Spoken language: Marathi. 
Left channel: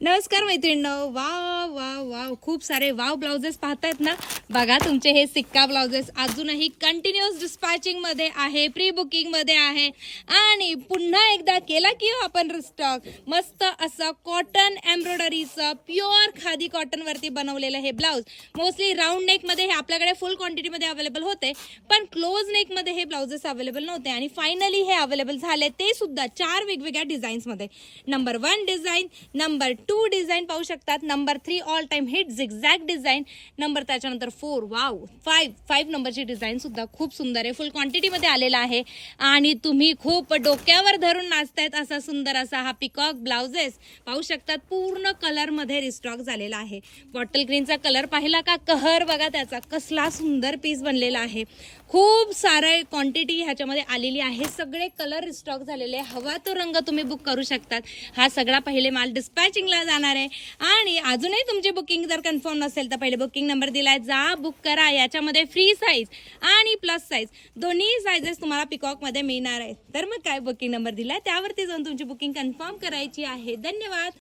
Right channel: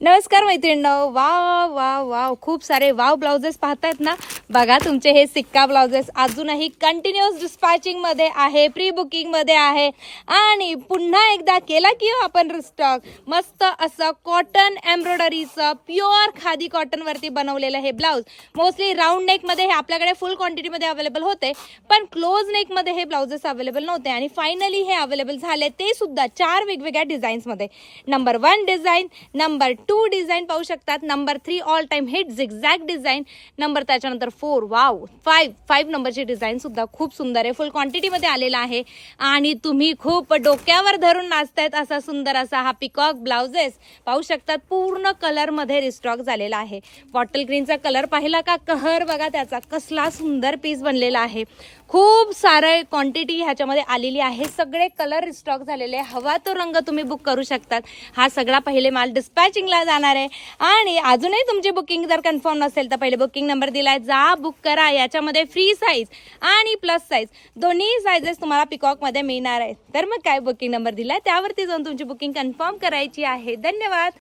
नमस्कार मैत्रिणींनो, वाव वाव वाव खूप सारे वाव ब्लाउजेस पाहतायत ना. बघा तुमचे हे सिक्का ब्लाउजेस अजूनही कंटिन्युअस डिस्पॅचिंग मध्ये आहे, प्री बुकिंग मध्ये आहे आणि पुन्हा एकदा केला की आपण रिस्टॉक. मस्त असं कॉटन एम्ब्रॉयडरीचं प्युअर खादी कॉटन वरती बनवलेलं हे ब्लाउज. मोस्टली राऊंड नेक मध्ये हे आपल्याकडे फुल क्वांटिटी मध्ये अवेलेबल होते, पण क्लोज नेक मध्ये हे ब्लाउजेस अवेलेबल नव्हते आणि फायनली हे अवेलेबल झाले, ते सुद्धा 4 वेगवेगळ्या डिझाईन्स मध्ये. नंबर 1 डिझाईन, नंबर 2 डिझाईन पाहू शकतात, number 3 all time hit zigzag design, number त्याच्यानंतर 4 वाव 5 नंबरची डिझाईन सुद्धा खूप सुंदर आहे, फुल क्वांटिटी मध्ये आलेला आहे आणि तुम्ही खूप डोक्यावर धरून नाचतायत असा सुंदर असा हा पिकॉक ब्लाउजेस पाहू शकतात. पूर्ण कलर मध्ये रिस्टॉक झालेला आहे. बॉटल ग्रीनचा कलर पाहिला का, कहर बघा त्याचा, कसला सुंदर पीस बनलेला आहे. खूप सारे क्वांटिटी ह्याच्यामध्ये आलेली आहे, सगळे कलर रिस्टॉक झालेले. हवा तो रंग तुम्ही बुक करू शकतात. हा सगळा पहिले माल डिस्पॅचिंगला जाणार आहे आणि अजूनही तुमची बुकिंग जर कन्फर्म नसेल तर पहिले बुकिंग नंबर दिलाय, जा बुक करा. याच्यामध्ये फ्री साईज आणि प्लस साईज दोन्ही साईजेस तुम्हाला पिकॉक मध्ये मिळणार आहे. तर मग काय, बुकिंग नंबर दिलाय त्यावरती जाऊन तुमची बुकिंग कन्फर्म करायची आहे. धन्यवाद.